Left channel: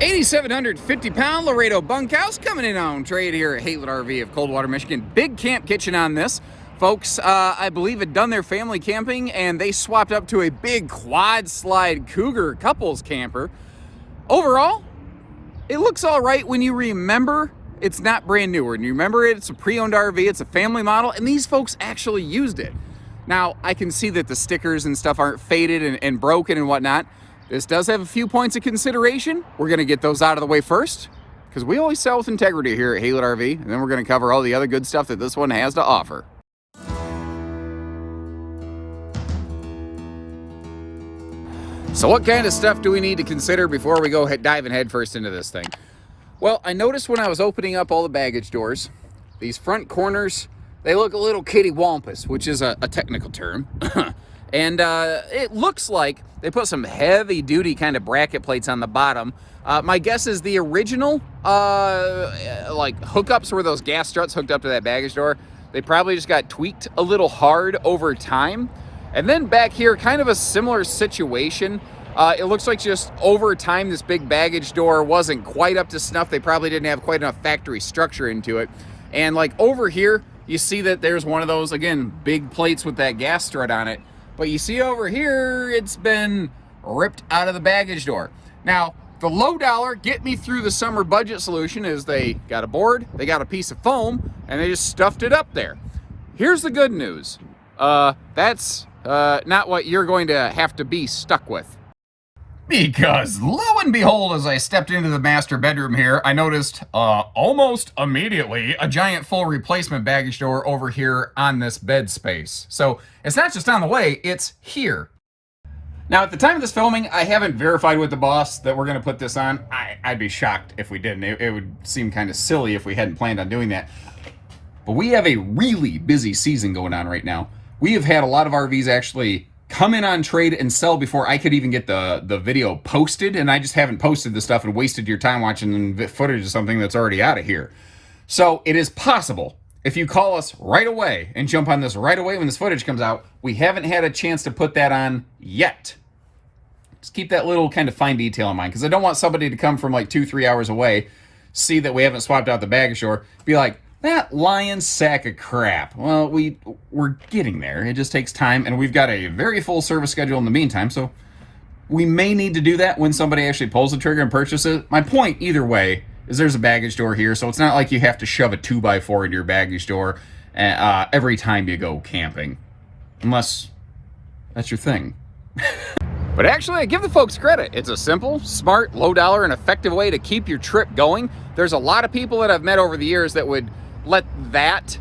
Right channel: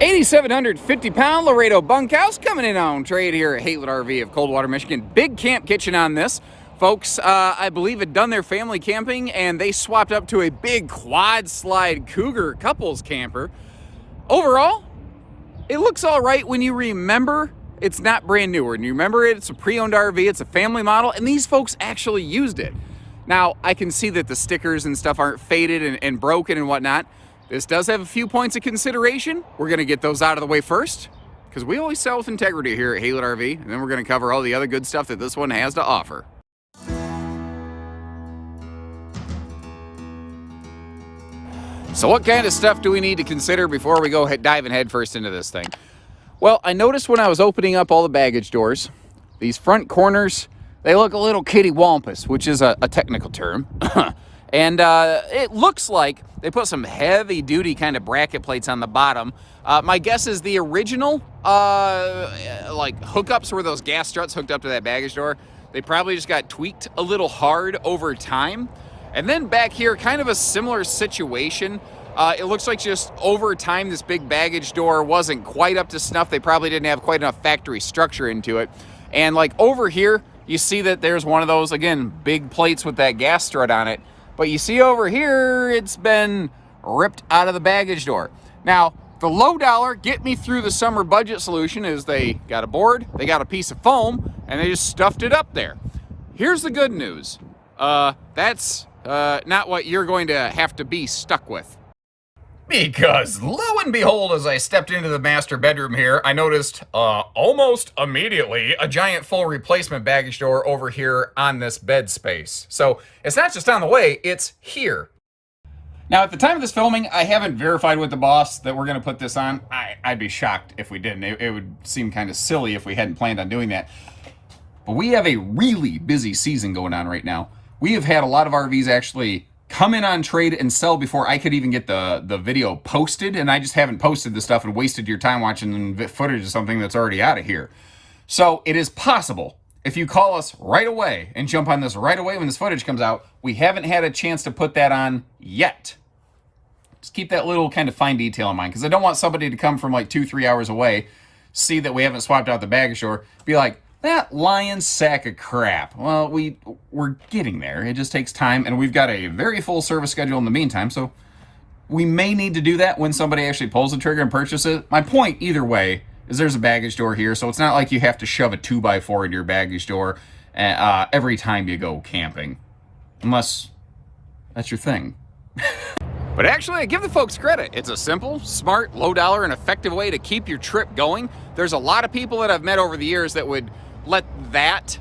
8,750-pound Laredo Bunkhouse coming in on trade here at Haylett RV of Coldwater, Michigan. Big camp kitchen on this. Folks, I believe, had done their family camping, and they swapped up to a big quad slide Cougar couples camper. Overall, it looks all right when you remember it's not brand new. When you remember it's a pre-owned RV, it's a family model, and these folks actually used it. Now, I can see that the stickers and stuff aren't faded and broken and whatnot. This does have a few points of consideration. We're going to get those out of the way first, because we always sell with integrity here at Haylett RV, and then we're going to cover all the other good stuff that this one has to offer. So what kind of stuff do we need to consider before we go diving headfirst into this thing? Well, I noticed when I was opening up all the baggage doors, these front corners, they look a little kitty-wampus, which is a technical term. And it looks like they put some heavy-duty kind of bracket plates on the bottom. My guess is the original like hookups were those gas struts hooked up to that baggage door. They probably just got tweaked a little hard over time. And then back here, kind of a similar situation. It looks like just over time, this big baggage door wasn't quite up to snuff. They probably didn't have quite enough factory structure into it. And like over here, you see that there's one of those, again, big plates with that gas strut on it. But you see over here, it's been ripped out of the baggage door. Now, the low dollar, get me through the summer budget solution is they got a board, they got a piece of foam, and they just stuffed it up there. Here's the good news. That's not what you're going to have to be stuck with. Because lo and behold, as I stepped into the master bedroom here, I noticed almost immediately a giant full replacement baggage door over here on this bed space. So it's not just on the way, it's here. Now, at the time of this filming, I haven't verified with the boss that we're going to put this on. I'd be shocked if we didn't. It would seem kind of silly if we hadn't planned on doing that. But we have a really busy season going on right now. We have had a lot of RVs actually come in on trade and sell before I could even get the video posted, and I just haven't posted the stuff and wasted your time watching footage of something that's already out of here. So it is possible, if you call us right away and jump on this right away when this footage comes out, we haven't had a chance to put that on yet. Just keep that little kind of fine detail in mind, because I don't want somebody to come from like 2-3 hours away, see that we haven't swapped out the baggage door, be like, that lion sack of crap. Well, we're getting there. It just takes time, and we've got a very full service schedule in the meantime, so we may need to do that when somebody actually pulls the trigger and purchases it. My point, either way, is there's a baggage door here, so it's not like you have to shove a 2x4 into your baggage door every time you go camping, unless that's your thing. But actually, I give the folks credit. It's a simple, smart, low dollar, and effective way to keep your trip going. There's a lot of people that I've met over the years that would let that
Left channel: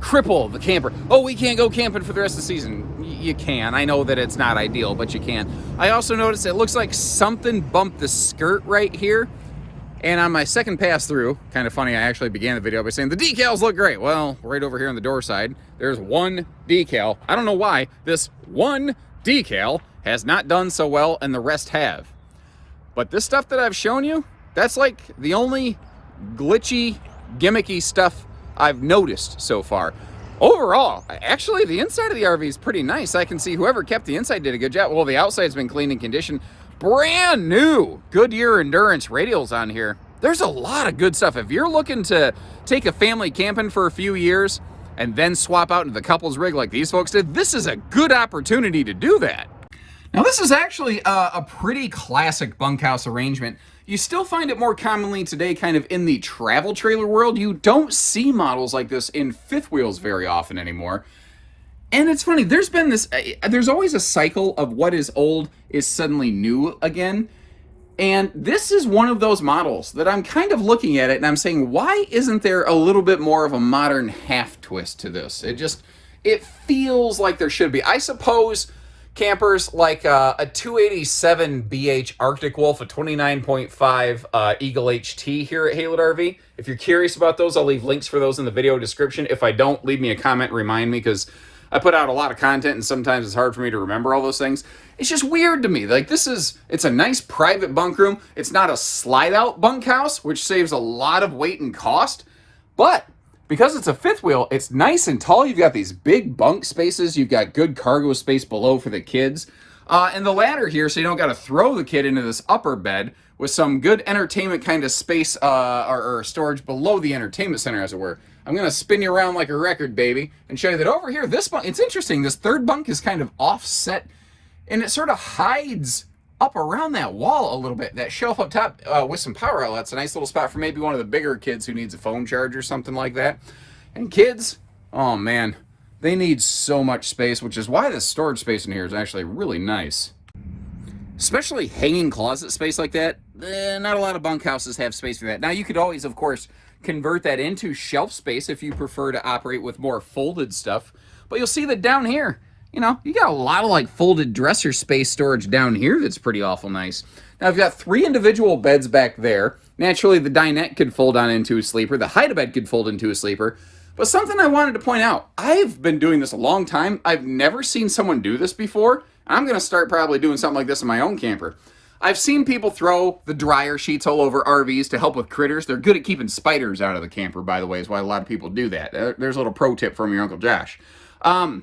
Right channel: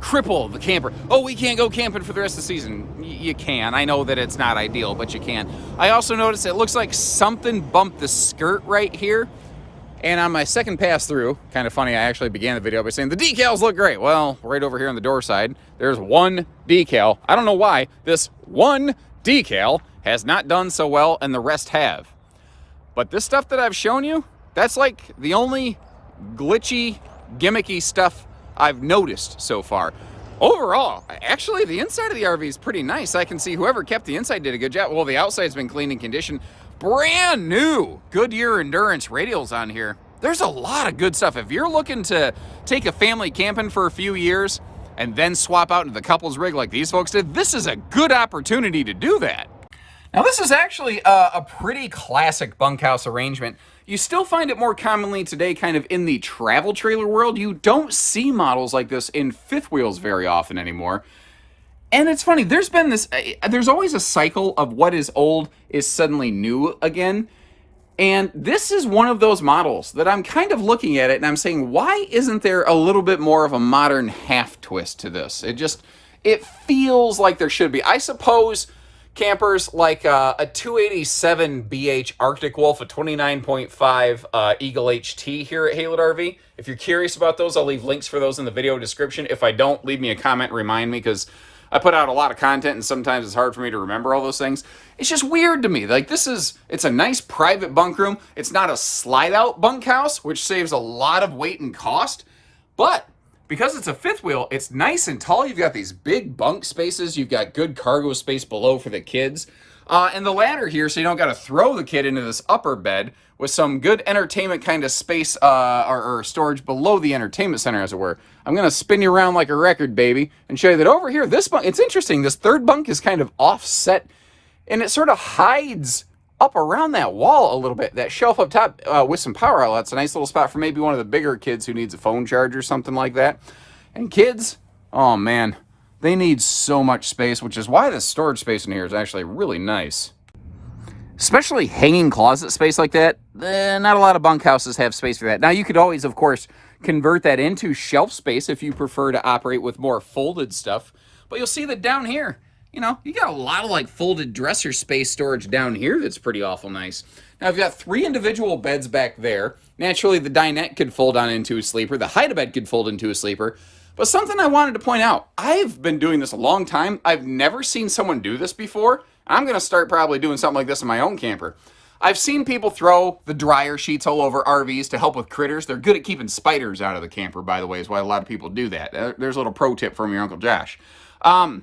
cripple the camper. Oh, we can't go camping for the rest of the season. You can. I know that it's not ideal, but you can. I also noticed it looks like something bumped the skirt right here. And on my second pass through, kind of funny, I actually began the video by saying the decals look great. Well, right over here on the door side, there's one decal. I don't know why this one decal has not done so well and the rest have. But this stuff that I've shown you, that's like the only glitchy, gimmicky stuff I've noticed so far. Overall, actually, the inside of the RV is pretty nice. I can see whoever kept the inside did a good job. Well, the outside's been cleaned and conditioned. Brand new Goodyear Endurance radials on here. There's a lot of good stuff. If you're looking to take a family camping for a few years and then swap out into the couples rig like these folks did, this is a good opportunity to do that. Now, this is actually a pretty classic bunkhouse arrangement. You still find it more commonly today kind of in the travel trailer world. You don't see models like this in fifth wheels very often anymore. And it's funny, there's always a cycle of what is old is suddenly new again. And this is one of those models that I'm kind of looking at it and I'm saying, why isn't there a little bit more of a modern half twist to this? It feels like there should be. I suppose campers like a 287 BH Arctic Wolf, a 29.5 Eagle HT here at Haylett RV. If you're curious about those, I'll leave links for those in the video description. If I don't, leave me a comment and remind me, because I put out a lot of content and sometimes it's hard for me to remember all those things. It's just weird to me. Like, it's a nice private bunk room. It's not a slide out bunkhouse, which saves a lot of weight and cost, but because it's a fifth wheel, it's nice and tall. You've got these big bunk spaces. You've got good cargo space below for the kids. And the ladder here, so you don't got to throw the kid into this upper bed with some good entertainment kind of space or storage below the entertainment center, as it were. I'm going to spin you around like a record, baby, and show you that over here, this bunk, it's interesting. This third bunk is kind of offset, and it sort of hides up around that wall a little bit. That shelf up top with some power outlets, a nice little spot for maybe one of the bigger kids who needs a phone charge or something like that. And kids, oh man, they need so much space, which is why the storage space in here is actually really nice. Especially hanging closet space like that, not a lot of bunkhouses have space for that. Now, you could always, of course, convert that into shelf space if you prefer to operate with more folded stuff. But you'll see that down here, you know, you got a lot of like folded dresser space storage down here that's pretty awful nice. Now, I've got 3 individual beds back there. Naturally, the dinette could fold on into a sleeper. The hide-a-bed could fold into a sleeper. But something I wanted to point out, I've been doing this a long time. I've never seen someone do this before. I'm going to start probably doing something like this in my own camper. I've seen people throw the dryer sheets all over RVs to help with critters. They're good at keeping spiders out of the camper, by the way, is why a lot of people do that. There's a little pro tip from your Uncle Josh. Most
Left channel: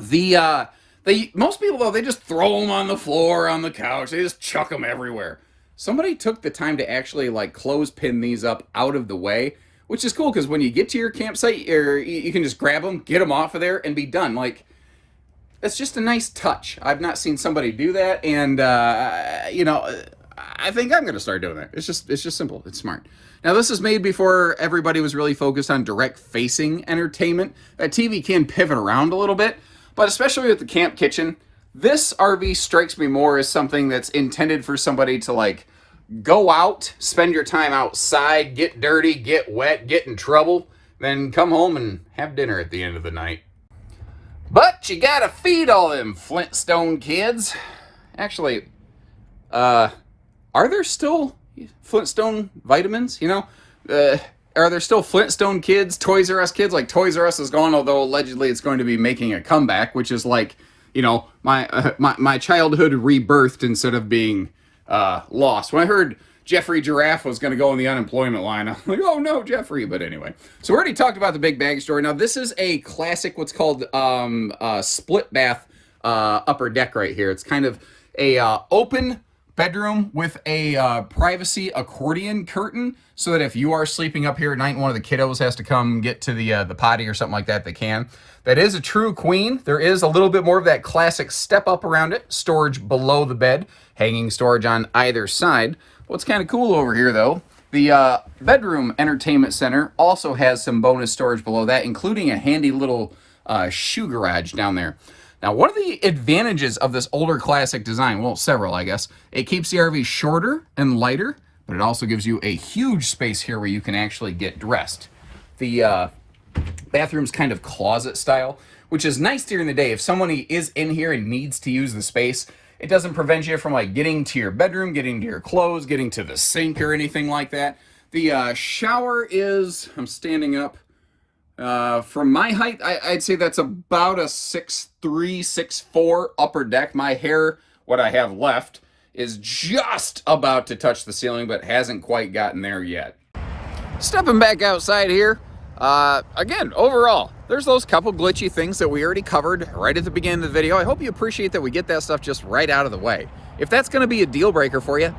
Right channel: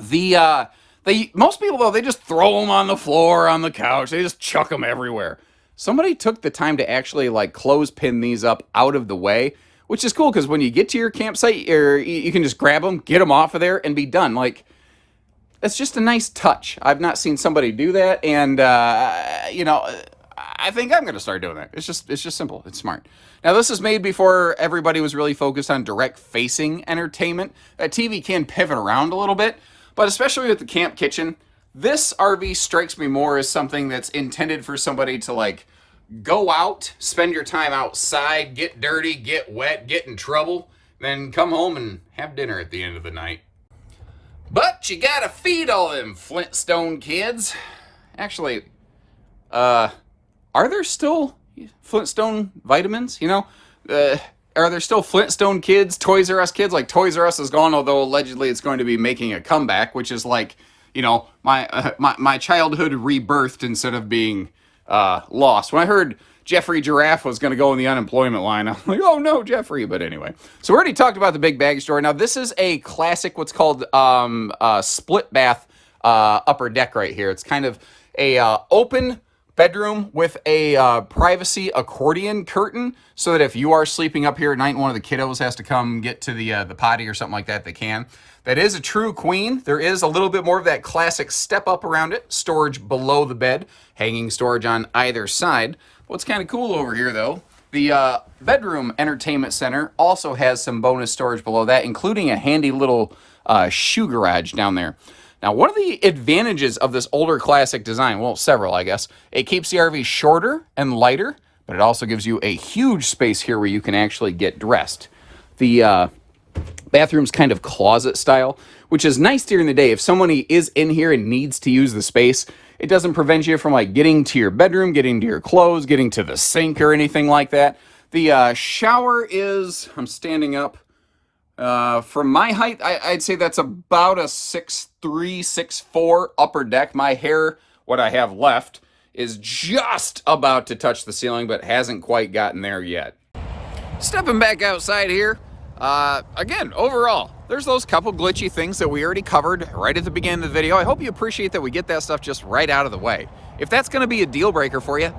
people, though, they just throw them on the floor, on the couch. They just chuck them everywhere. Somebody took the time to actually, like, clothespin these up out of the way, which is cool, because when you get to your campsite, you can just grab them, get them off of there, and be done. Like, it's just a nice touch. I've not seen somebody do that, and, you know, I think I'm going to start doing that. It's just simple. It's smart. Now, this is made before everybody was really focused on direct-facing entertainment. That TV can pivot around a little bit, but especially with the camp kitchen, this RV strikes me more as something that's intended for somebody to, like, go out, spend your time outside, get dirty, get wet, get in trouble, then come home and have dinner at the end of the night. But you gotta feed all them Flintstone kids. Actually, are there still Flintstone vitamins? You know, are there still Flintstone kids, Toys R Us kids? Like, Toys R Us is gone, although allegedly it's going to be making a comeback, which is like, you know, my childhood rebirthed instead of being lost. When I heard Jeffrey Giraffe was going to go in the unemployment line, I'm like, oh no, Jeffrey. But anyway, so we already talked about the big bag store. Now, this is a classic, what's called split bath upper deck right here. It's kind of a open bedroom with a privacy accordion curtain, so that if you are sleeping up here at night and one of the kiddos has to come get to the potty or something like that, they can. That is a true queen. There is a little bit more of that classic step up around it, storage below the bed, hanging storage on either side. What's kind of cool over here, though, the bedroom entertainment center also has some bonus storage below that, including a handy little shoe garage down there. Now, one of the advantages of this older classic design, well, several, I guess, it keeps the RV shorter and lighter, but it also gives you a huge space here where you can actually get dressed. The bathroom's kind of closet style, which is nice during the day. If somebody is in here and needs to use the space, it doesn't prevent you from, like, getting to your bedroom, getting to your clothes, getting to the sink or anything like that. The shower is, I'm standing up, from my height, I'd say that's about a 6'3", 6'4" upper deck. My hair, what I have left, is just about to touch the ceiling, but hasn't quite gotten there yet. Stepping back outside here, again, overall, there's those couple glitchy things that we already covered right at the beginning of the video. I hope you appreciate that we get that stuff just right out of the way. If that's going to be a deal breaker for you,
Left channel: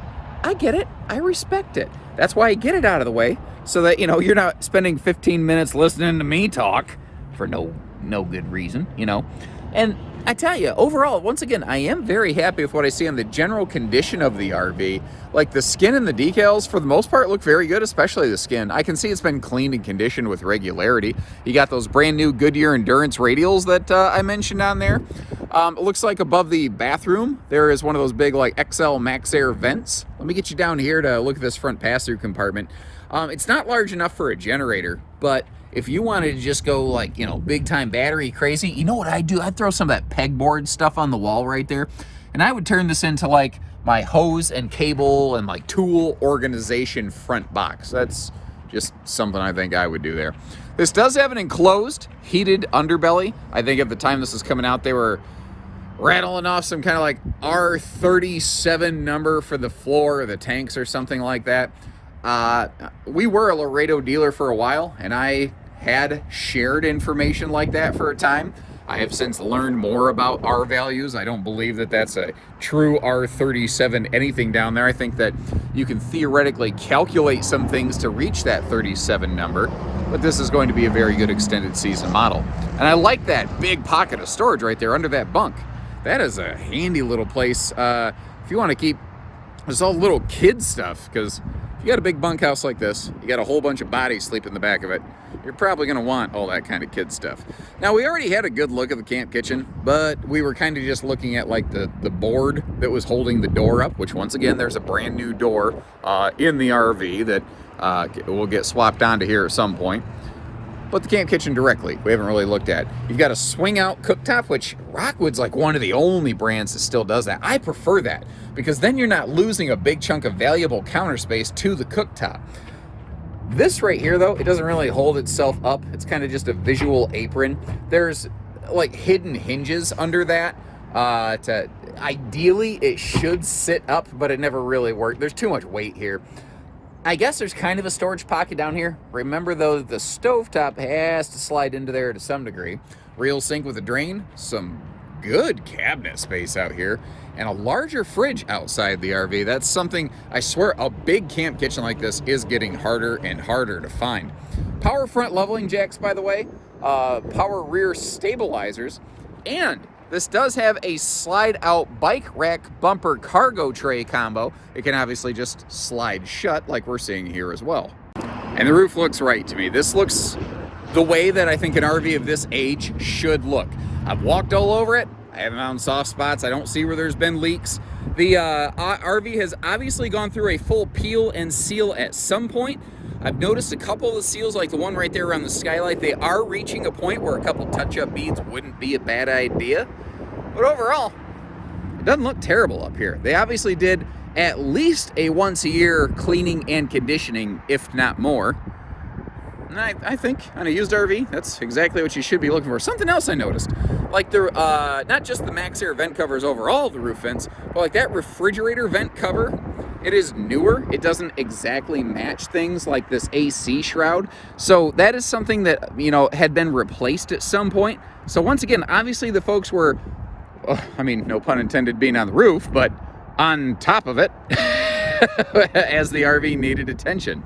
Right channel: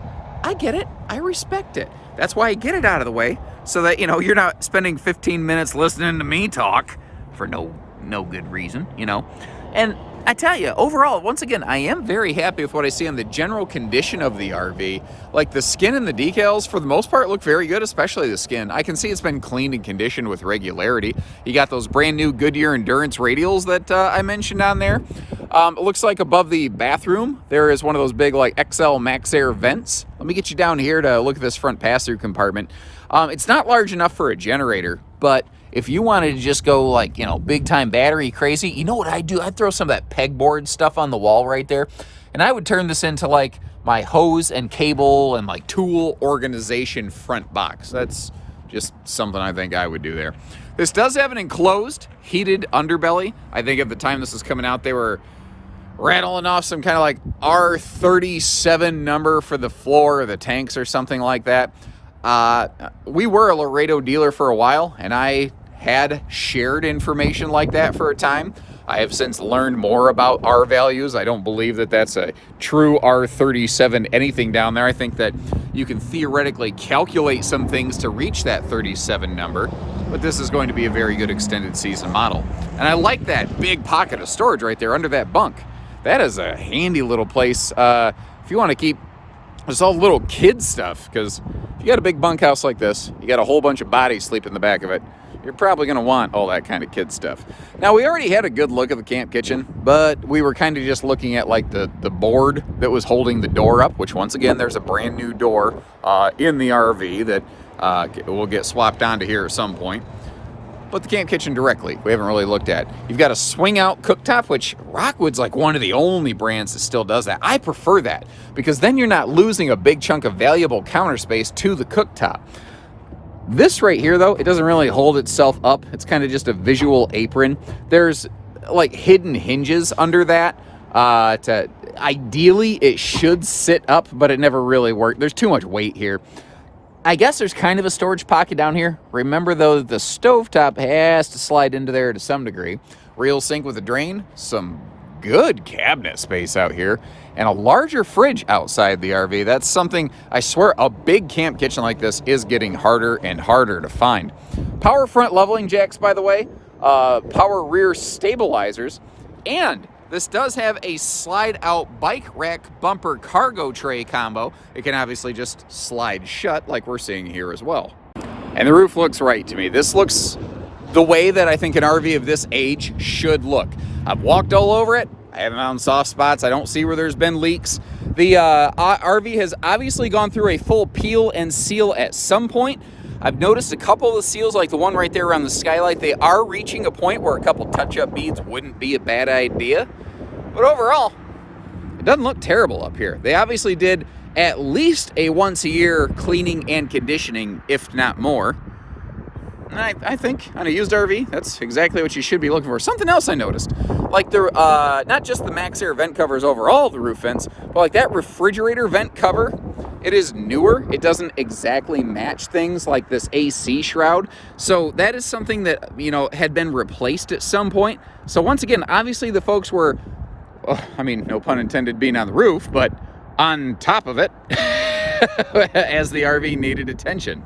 I get it. I respect it. That's why I get it out of the way, so that, you know, you're not spending 15 minutes listening to me talk for no good reason, you know. And I tell you, overall, once again, I am very happy with what I see on the general condition of the RV. Like, the skin and the decals, for the most part, look very good, especially the skin. I can see it's been cleaned and conditioned with regularity. You got those brand new Goodyear Endurance radials that I mentioned on there. It looks like above the bathroom, there is one of those big, like, XL Max Air vents. Let me get you down here to look at this front pass-through compartment. It's not large enough for a generator, but if you wanted to just go, like, you know, big-time battery crazy, you know what I'd do? I'd throw some of that pegboard stuff on the wall right there, and I would turn this into, like, my hose and cable and, like, tool organization front box. That's just something I think I would do there. This does have an enclosed, heated underbelly. I think at the time this was coming out, they were rattling off some kind of, like, R37 number for the floor or the tanks or something like that. We were a Laredo dealer for a while, and I had shared information like that for a time. I have since learned more about R values. I don't believe that that's a true R37 anything down there. I think that you can theoretically calculate some things to reach that 37 number, but this is going to be a very good extended season model. And I like that big pocket of storage right there under that bunk. That is a handy little place if you want to keep just all little kid stuff, because if you got a big bunkhouse like this, you got a whole bunch of bodies sleep in the back of it, you're probably going to want all that kind of kid stuff. Now, we already had a good look at the camp kitchen, but we were kind of just looking at like the board that was holding the door up, which once again, there's a brand new door in the RV that will get swapped onto here at some point. But the camp kitchen directly, we haven't really looked at. You've got a swing out cooktop, which Rockwood's like one of the only brands that still does that. I prefer that because then you're not losing a big chunk of valuable counter space to the cooktop. This right here, though, it doesn't really hold itself up. It's kind of just a visual apron. There's like hidden hinges under that. Ideally, it should sit up, but it never really worked. There's too much weight here. I guess there's kind of a storage pocket down here. Remember, though, the stovetop has to slide into there to some degree. Real sink with a drain, some good cabinet space out here, and a larger fridge outside the RV. That's something, I swear, a big camp kitchen like this is getting harder and harder to find. Power front leveling jacks, by the way, power rear stabilizers, and this does have a slide-out bike rack bumper cargo tray combo. It can obviously just slide shut like we're seeing here as well. And the roof looks right to me. This looks the way that I think an RV of this age should look. I've walked all over it. I haven't found soft spots. I don't see where there's been leaks. The RV has obviously gone through a full peel and seal at some point. I've noticed a couple of the seals, like the one right there around the skylight, they are reaching a point where a couple touch-up beads wouldn't be a bad idea. But overall, it doesn't look terrible up here. They obviously did at least a once-a-year cleaning and conditioning, if not more. And I think on a used RV, that's exactly what you should be looking for. Something else I noticed, like the not just the Max Air vent covers over all the roof vents, but like that refrigerator vent cover, it is newer. It doesn't exactly match things like this AC shroud. So that is something that, you know, had been replaced at some point. So once again, obviously the folks were, I mean, no pun intended being on the roof, but on top of it as the RV needed attention.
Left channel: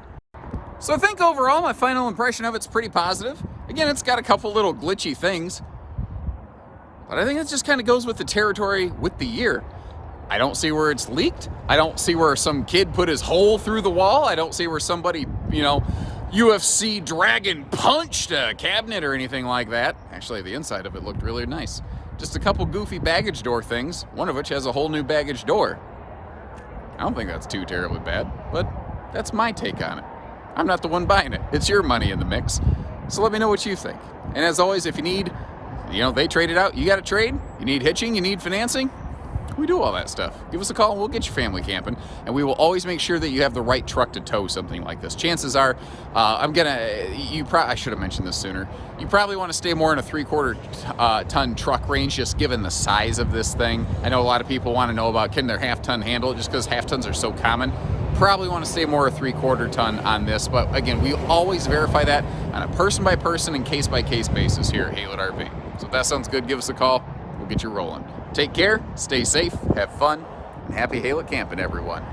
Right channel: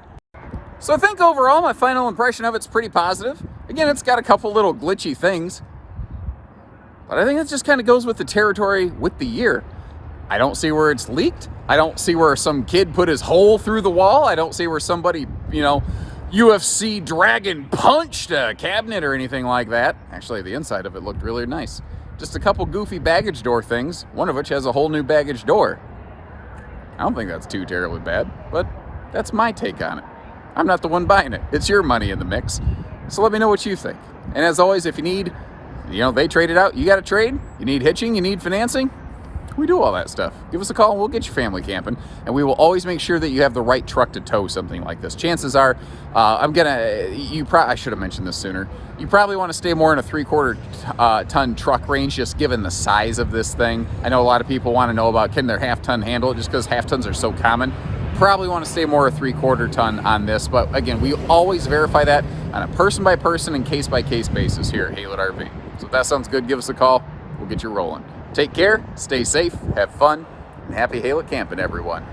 So I think overall my final impression of it's pretty positive. Again, it's got a couple little glitchy things, but I think it just kind of goes with the territory with the year. I don't see where it's leaked. I don't see where some kid put his hole through the wall. I don't see where somebody, you know, UFC Dragon punched a cabinet or anything like that. Actually, the inside of it looked really nice. Just a couple goofy baggage door things, one of which has a whole new baggage door. I don't think that's too terribly bad, but that's my take on it. I'm not the one buying it. It's your money in the mix. So let me know what you think. And as always, if you need, you know, they trade it out, you got to trade, you need hitching, you need financing, we do all that stuff. Give us a call and we'll get your family camping. And we will always make sure that you have the right truck to tow something like this. Chances are, I should have mentioned this sooner. You probably want to stay more in a 3/4 ton truck range, just given the size of this thing. I know a lot of people want to know about, can their half-ton handle it, just because half-tons are so common. Probably want to stay more a 3/4 ton on this. But again, we always verify that on a person-by-person and case-by-case basis here at Haylett RV. So if that sounds good, give us a call. We'll get you rolling. Take care, stay safe, have fun, and happy Haylett camping, everyone.